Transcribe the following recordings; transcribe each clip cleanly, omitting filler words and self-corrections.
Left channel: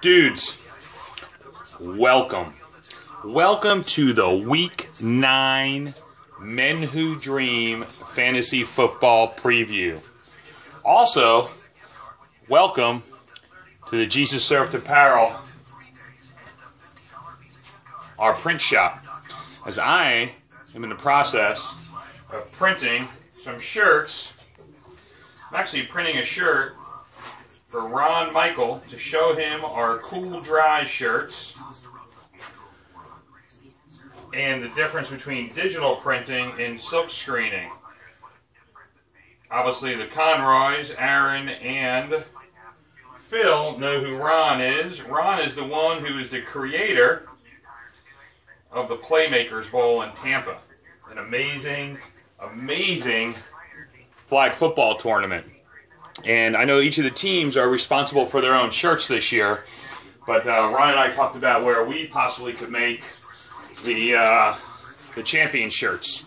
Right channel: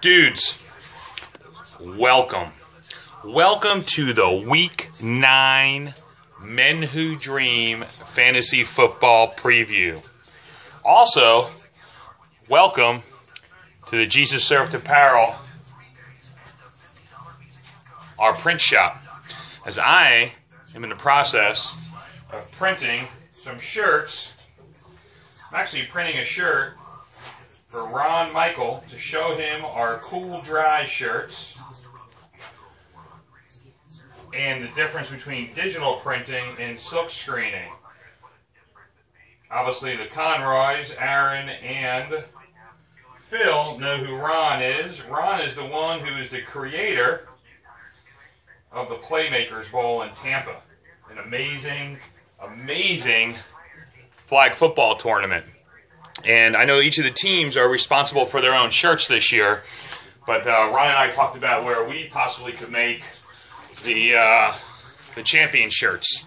Dudes, welcome. Welcome to the Week 9 Men Who Dream Fantasy Football Preview. Also, welcome to the Jesus Served Apparel, our print shop, as I am in the process of printing some shirts. I'm actually printing a shirt for Ron Michael to show him our Cool Dry shirts and the difference between digital printing and silk screening. Obviously the Conroys, Aaron and Phil, know who Ron is. Ron is the one who is the creator of the Playmakers Bowl in Tampa. An amazing, amazing flag football tournament. And I know each of the teams are responsible for their own shirts this year, but Ron and I talked about where we possibly could make the champion shirts.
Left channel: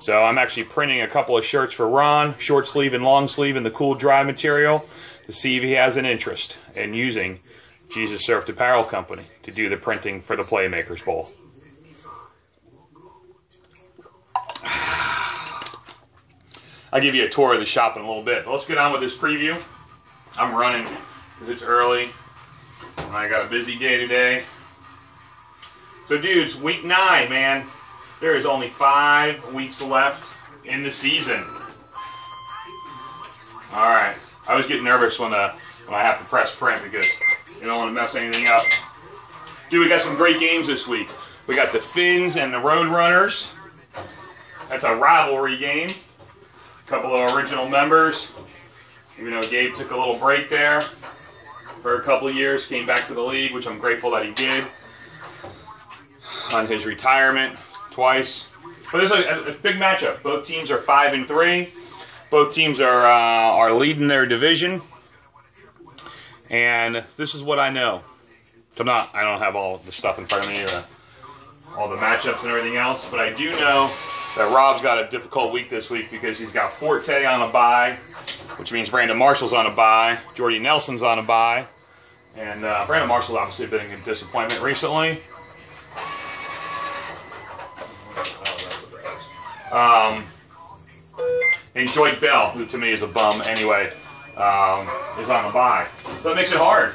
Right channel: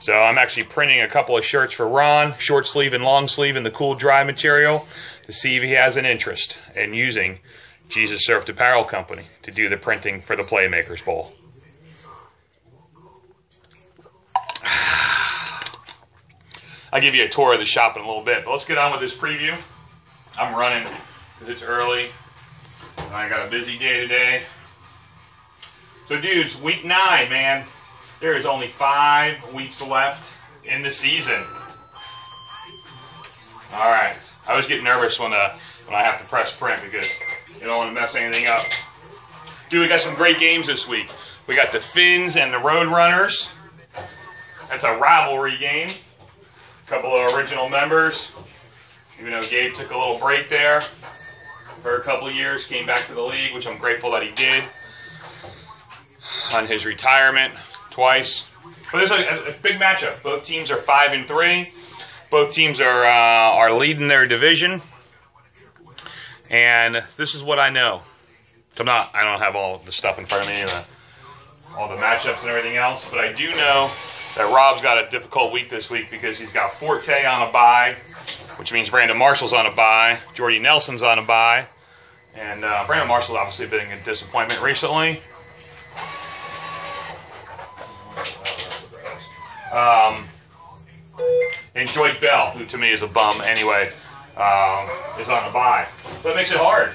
So I'm actually printing a couple of shirts for Ron, short sleeve and long sleeve in the Cool Dry material, to see if he has an interest in using Jesus Served Apparel Company to do the printing for the Playmakers Bowl. I'll give you a tour of the shop in a little bit, but let's get on with this preview. I'm running because it's early, and I got a busy day today. So dudes, week 9, man, there is only 5 weeks left in the season. Alright, I always get nervous when I have to press print because you don't want to mess anything up. Dude, we got some great games this week. We got the Finns and the Roadrunners. That's a rivalry game. A couple of original members, even though Gabe took a little break there for a couple of years, came back to the league, which I'm grateful that he did, on his retirement twice. But it's a big matchup. Both teams are 5-3. Both teams are leading their division. And this is what I know. I don't have all the stuff in front of me, all the matchups and everything else, but I do know that Rob's got a difficult week this week because he's got Forte on a bye, which means Brandon Marshall's on a bye, Jordy Nelson's on a bye, and Brandon Marshall's obviously been a disappointment recently. And Joy Bell, who to me is a bum anyway, is on a bye. So it makes it hard,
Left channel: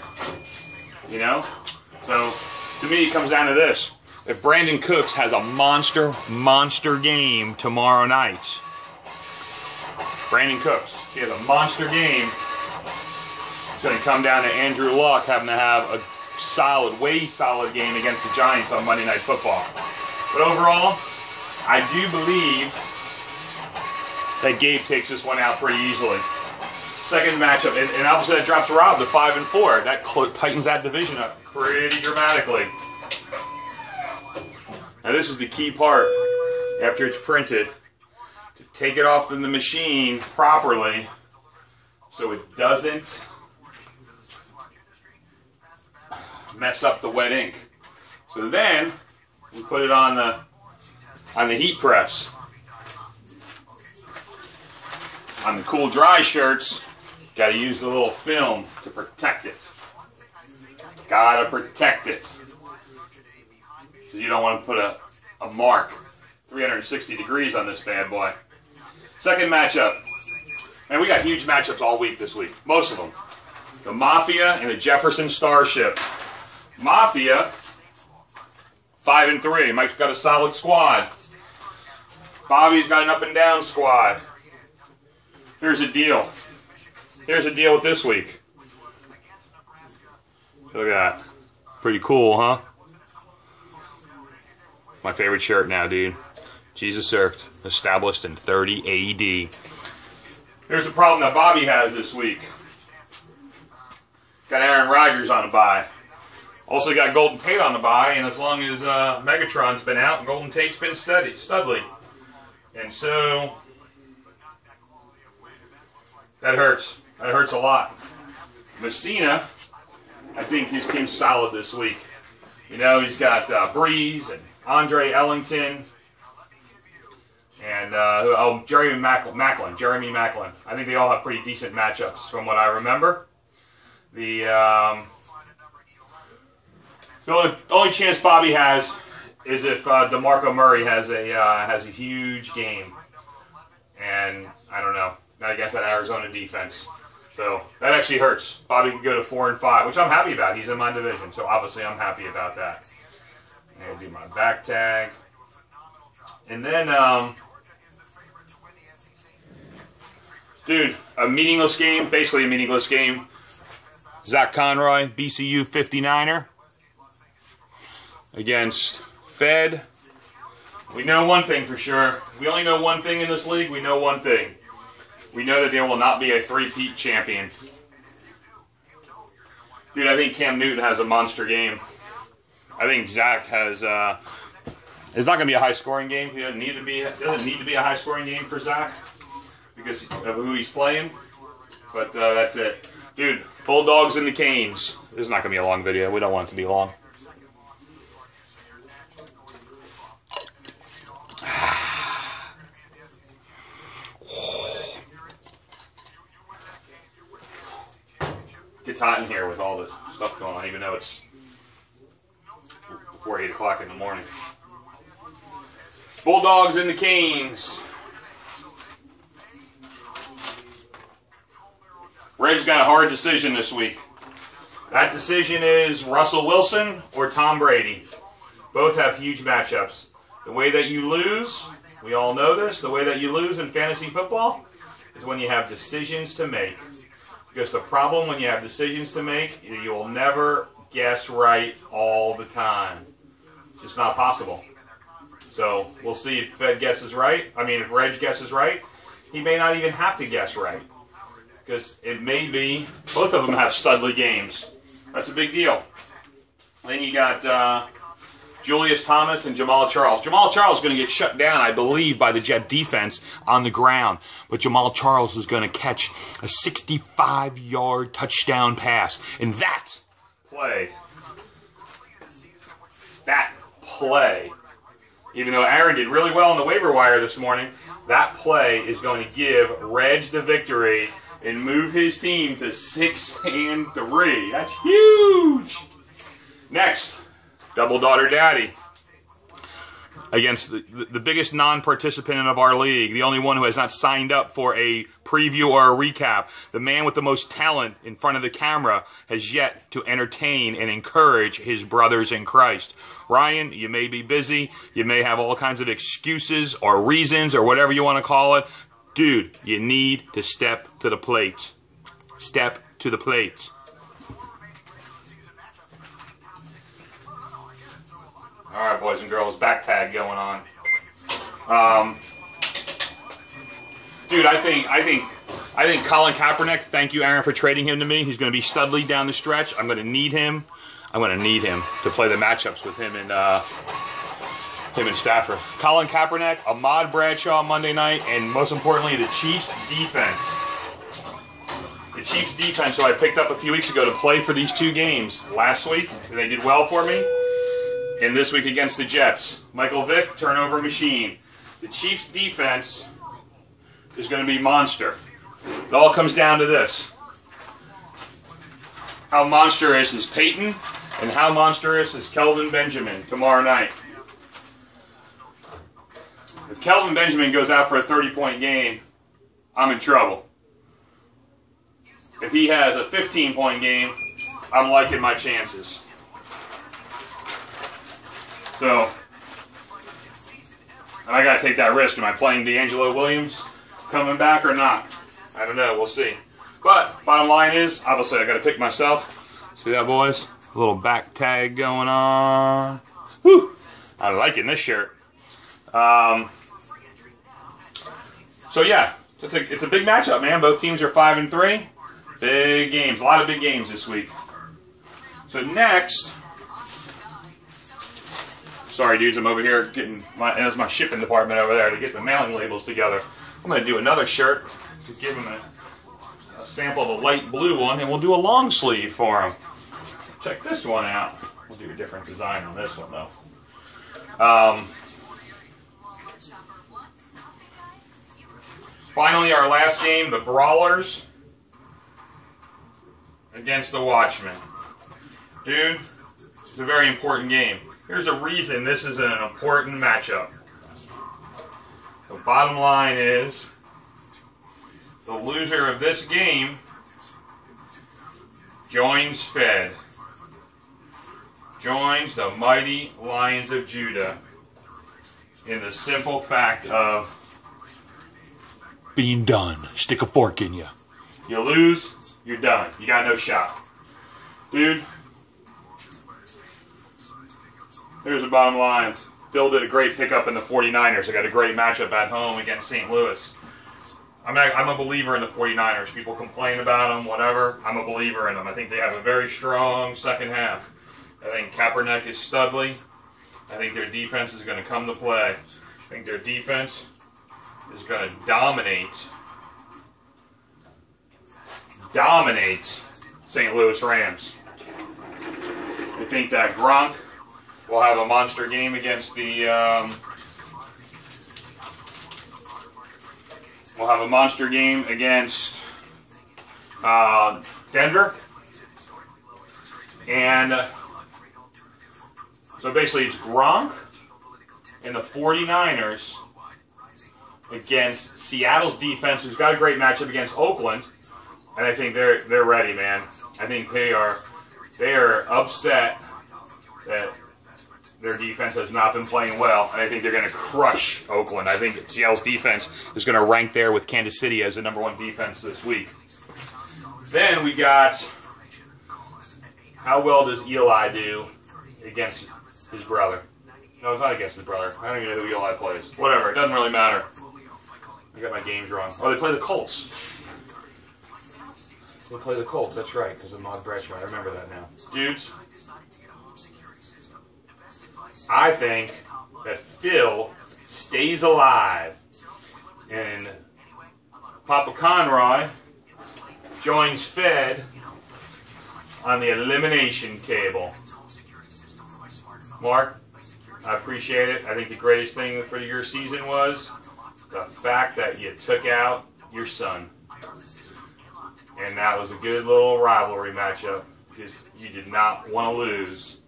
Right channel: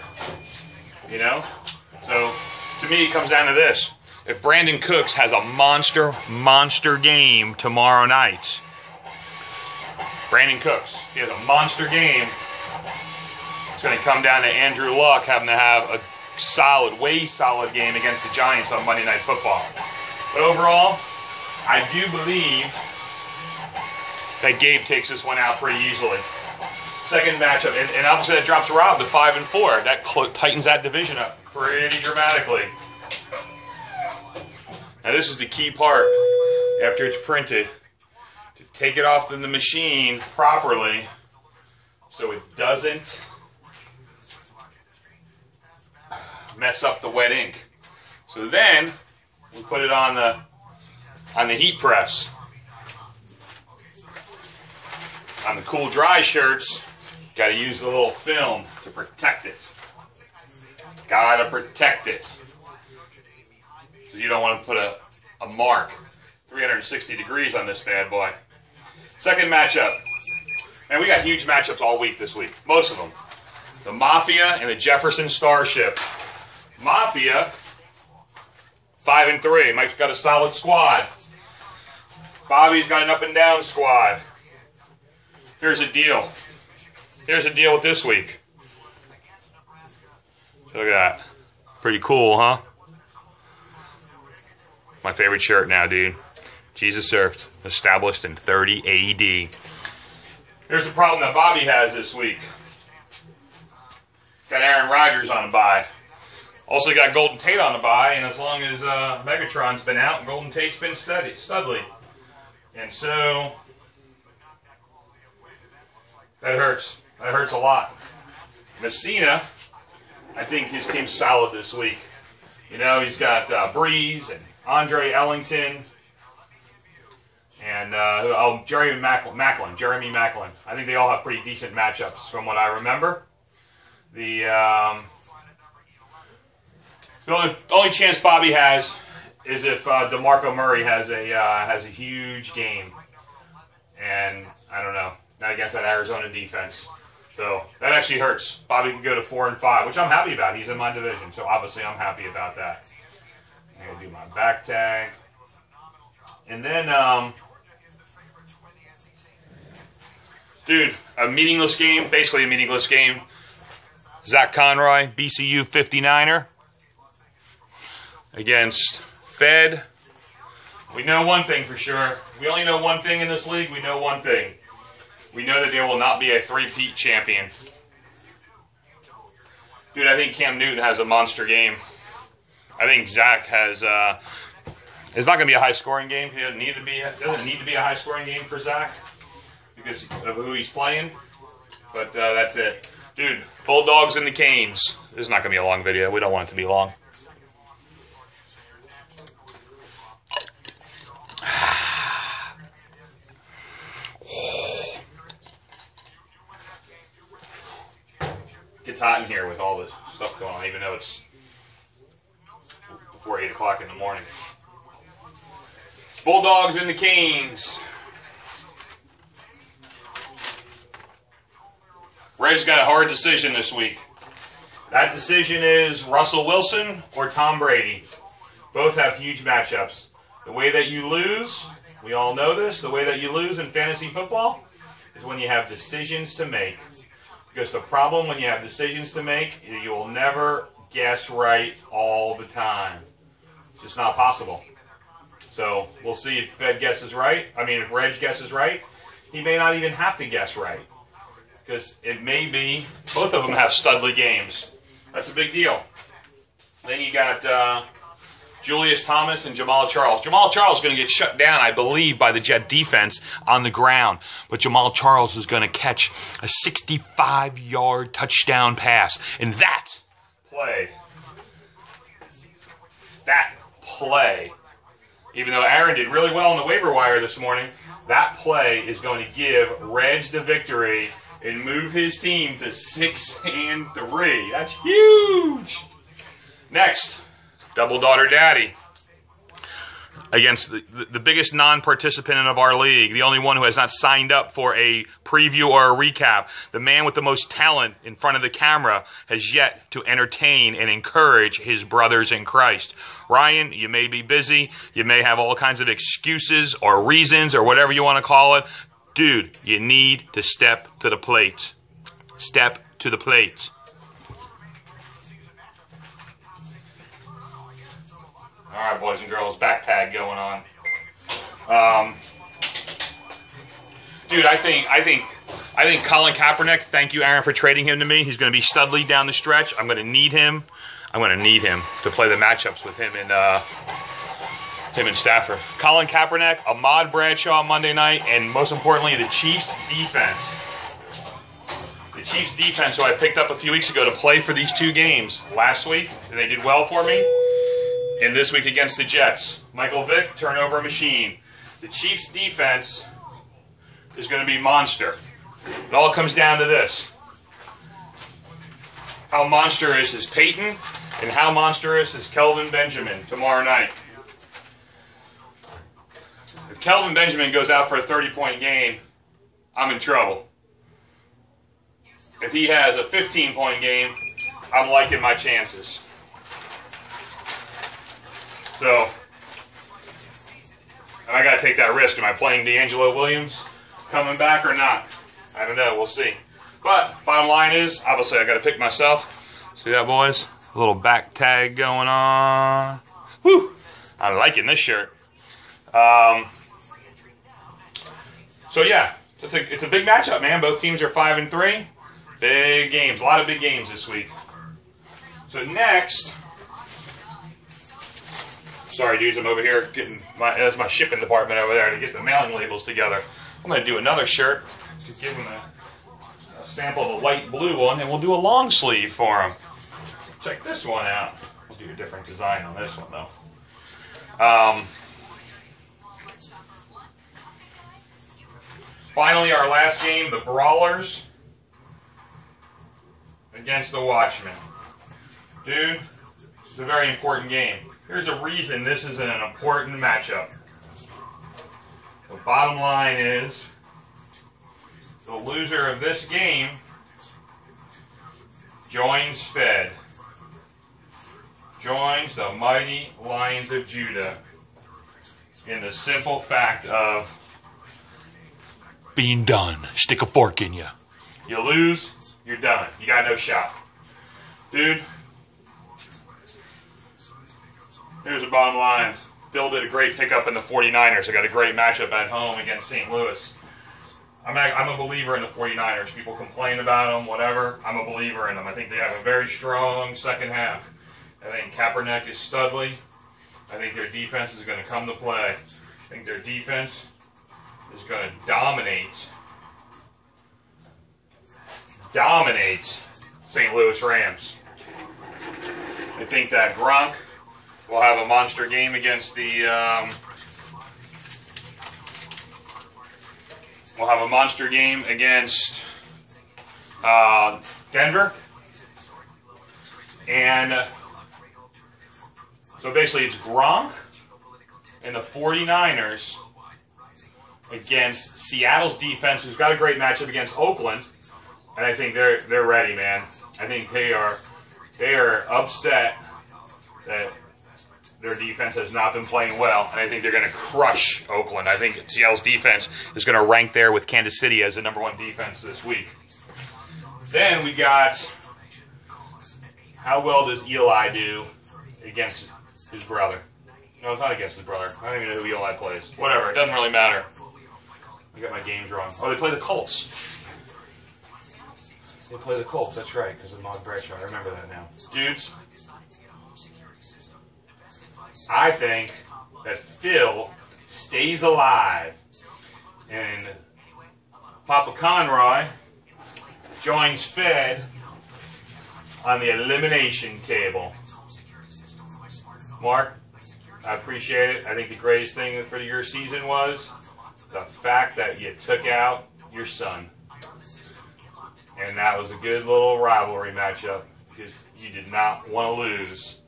you know? So to me it comes down to this. If Brandon Cooks has a monster game tomorrow night, Brandon Cooks, he has a monster game, it's going to come down to Andrew Luck having to have a way solid game against the Giants on Monday Night Football. But overall, I do believe that Gabe takes this one out pretty easily. Second matchup, and obviously that drops Rob to 5-4. That tightens that division up pretty dramatically. Now this is the key part, after it's printed, to take it off the machine properly so it doesn't mess up the wet ink. So then we put it on the heat press. On the Cool Dry shirts, got to use the little film to protect it. Gotta protect it. So you don't want to put a mark 360 degrees on this bad boy. Second matchup. And we got huge matchups all week this week. Most of them. The Mafia and the Jefferson Starship. Mafia, 5-3. Mike's got a solid squad. Bobby's got an up and down squad. Here's a deal. Here's a deal with this week. Look at that. Pretty cool, huh? My favorite shirt now, dude. Jesus Served, established in 30 AD. Here's the problem that Bobby has this week. Got Aaron Rodgers on a bye. Also got Golden Tate on the bye, and as long as Megatron's been out, Golden Tate's been studly. And so, that hurts. That hurts a lot. Messina, I think his team's solid this week. You know, he's got Breeze and Andre Ellington and Jeremy Macklin. I think they all have pretty decent matchups from what I remember. The The only chance Bobby has is if DeMarco Murray has a huge game, and I don't know. Against that Arizona defense, so that actually hurts. Bobby can go to 4-5, which I'm happy about. He's in my division, so obviously I'm happy about that. I'll do my back tag, and then dude, a meaningless game, basically a meaningless game. Zach Conroy, BCU 59er against Fed. We know one thing for sure. We only know one thing in this league. We know one thing. We know that there will not be a three-peat champion. Dude, I think Cam Newton has a monster game. I think Zach has. It's not going to be a high-scoring game. It doesn't need to be a high-scoring game for Zach because of who he's playing. But that's it, dude. Bulldogs and the Canes. This is not going to be a long video. We don't want it to be long. It's hot in here with all this stuff going on, even though it's before 8 o'clock in the morning. Bulldogs and the Canes. Red's got a hard decision this week. That decision is Russell Wilson or Tom Brady. Both have huge matchups. The way that you lose, we all know this, the way that you lose in fantasy football is when you have decisions to make. Because the problem when you have decisions to make, you will never guess right all the time. It's just not possible. So we'll see if Fed guesses right. I mean, if Reg guesses right, he may not even have to guess right. Because it may be, both of them have studly games. That's a big deal. Then you got Julius Thomas and Jamal Charles. Jamal Charles is going to get shut down, I believe, by the Jet defense on the ground. But Jamal Charles is going to catch a 65-yard touchdown pass. And that play, even though Aaron did really well on the waiver wire this morning, that play is going to give Reg the victory and move his team to 6-3. That's huge. Next, Double Daughter Daddy against the biggest non-participant of our league, the only one who has not signed up for a preview or a recap. The man with the most talent in front of the camera has yet to entertain and encourage his brothers in Christ. Ryan, you may be busy. You may have all kinds of excuses or reasons or whatever you want to call it. Dude, you need to step to the plate. Step to the plate. All right, boys and girls, back tag going on. Dude, I think Colin Kaepernick. Thank you, Aaron, for trading him to me. He's going to be studly down the stretch. I'm going to need him. I'm going to need him to play the matchups with him and Stafford. Colin Kaepernick, Ahmad Bradshaw Monday night, and most importantly, the Chiefs defense. The Chiefs defense, who I picked up a few weeks ago to play for these two games last week, and they did well for me. And this week against the Jets, Michael Vick, turnover machine. The Chiefs' defense is going to be monster. It all comes down to this. How monstrous is Peyton, and how monstrous is Kelvin Benjamin tomorrow night? If Kelvin Benjamin goes out for a 30-point game, I'm in trouble. If he has a 15-point game, I'm liking my chances. So, I got to take that risk. Am I playing D'Angelo Williams coming back or not? I don't know. We'll see. But, bottom line is, obviously, I got to pick myself. See that, boys? A little back tag going on. Whew! I'm liking this shirt. So, yeah. It's a big matchup, man. Both teams are 5-3. Big games. A lot of big games this week. So, next... Sorry, dudes, I'm over here getting that's my shipping department over there to get the mailing labels together. I'm going to do another shirt to give them a sample of a light blue one, and we'll do a long sleeve for them. Check this one out. We'll do a different design on this one, though. Finally, our last game, the Brawlers against the Watchmen. Dude, It's a very important game. Here's a reason this is an important matchup. The bottom line is, the loser of this game joins Fed. Joins the mighty Lions of Judah in the simple fact of being done. Stick a fork in you. You lose, you're done. You got no shot. Dude, here's the bottom line. Phil did a great pickup in the 49ers. I got a great matchup at home against St. Louis. I'm a believer in the 49ers. People complain about them, whatever. I'm a believer in them. I think they have a very strong second half. I think Kaepernick is studly. I think their defense is going to come to play. I think their defense is going to dominate St. Louis Rams. I think that Gronk will have a monster game against the Denver. And so basically it's Gronk and the 49ers against Seattle's defense, who's got a great matchup against Oakland. And I think they're ready, man. I think they are upset that their defense has not been playing well, and I think they're going to crush Oakland. I think Seattle's defense is going to rank there with Kansas City as the #1 defense this week. Then we got, how well does Eli do against his brother? No, it's not against his brother. I don't even know who Eli plays. Whatever, it doesn't really matter. I got my games wrong. Oh, they play the Colts. They play the Colts, that's right, because of Maud Bradshaw. I remember that now. Dudes, I think that Phil stays alive and Papa Conroy joins Fed on the elimination table. Mark, I appreciate it. I think the greatest thing for your season was the fact that you took out your son. And that was a good little rivalry matchup because you did not want to lose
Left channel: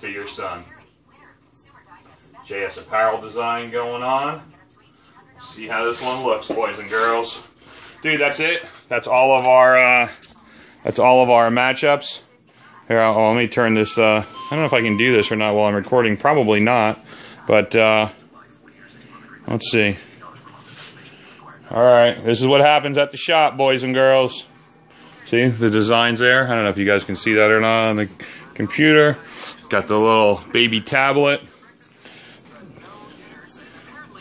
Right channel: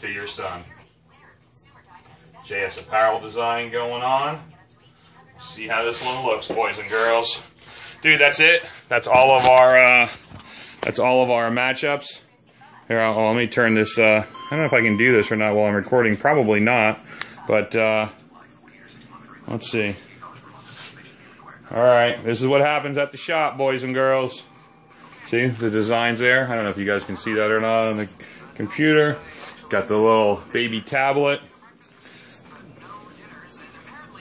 to your son. JS apparel design going on. See how this one looks, boys and girls. Dude, that's it. That's all of our matchups. Here, let me turn this. I don't know if I can do this or not while I'm recording. Probably not. But let's see. All right, this is what happens at the shop, boys and girls. See the designs there? I don't know if you guys can see that or not on the computer. Got the little baby tablet.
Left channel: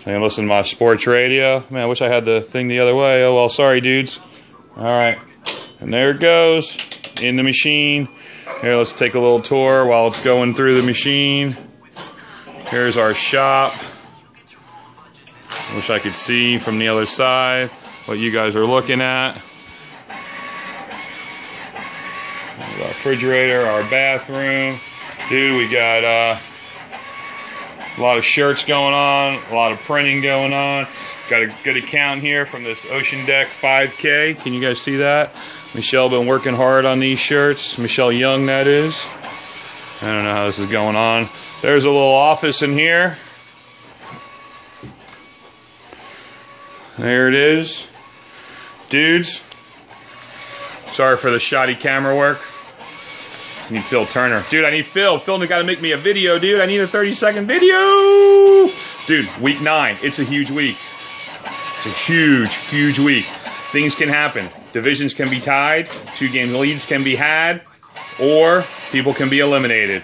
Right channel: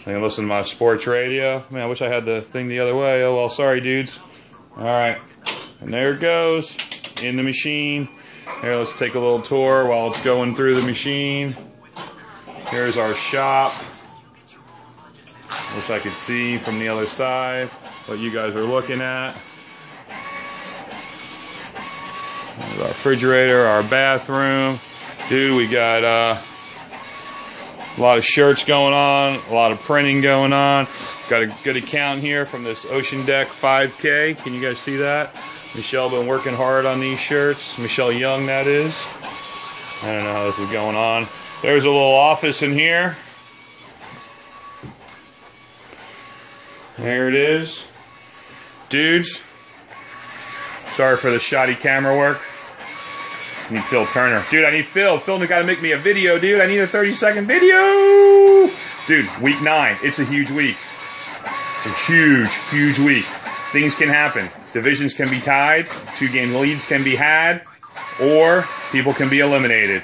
And listen to my sports radio. Man, I wish I had the thing the other way. Oh well, sorry dudes. Alright. And there it goes. In the machine. Here, let's take a little tour while it's going through the machine. Here's our shop. Wish I could see from the other side what you guys are looking at. Our refrigerator, our bathroom. Dude, we got a lot of shirts going on, a lot of printing going on. Got a good account here from this Ocean Deck 5K. Can you guys see that? Michelle been working hard on these shirts. Michelle Young, that is. I don't know how this is going on. There's a little office in here. There it is. Dudes, sorry for the shoddy camera work. I need Phil Turner. Dude, I need Phil. Phil got to make me a video, dude. I need a 30-second video. Dude, week 9. It's a huge week. It's a huge, huge week. Things can happen. Divisions can be tied. 2-game leads can be had. Or people can be eliminated.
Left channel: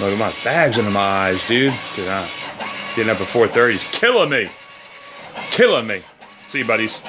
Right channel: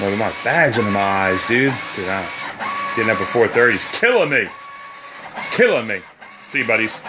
Look at my bags under my eyes, dude. Dude, getting up at 4:30 is killing me. Killing me. See you, buddies.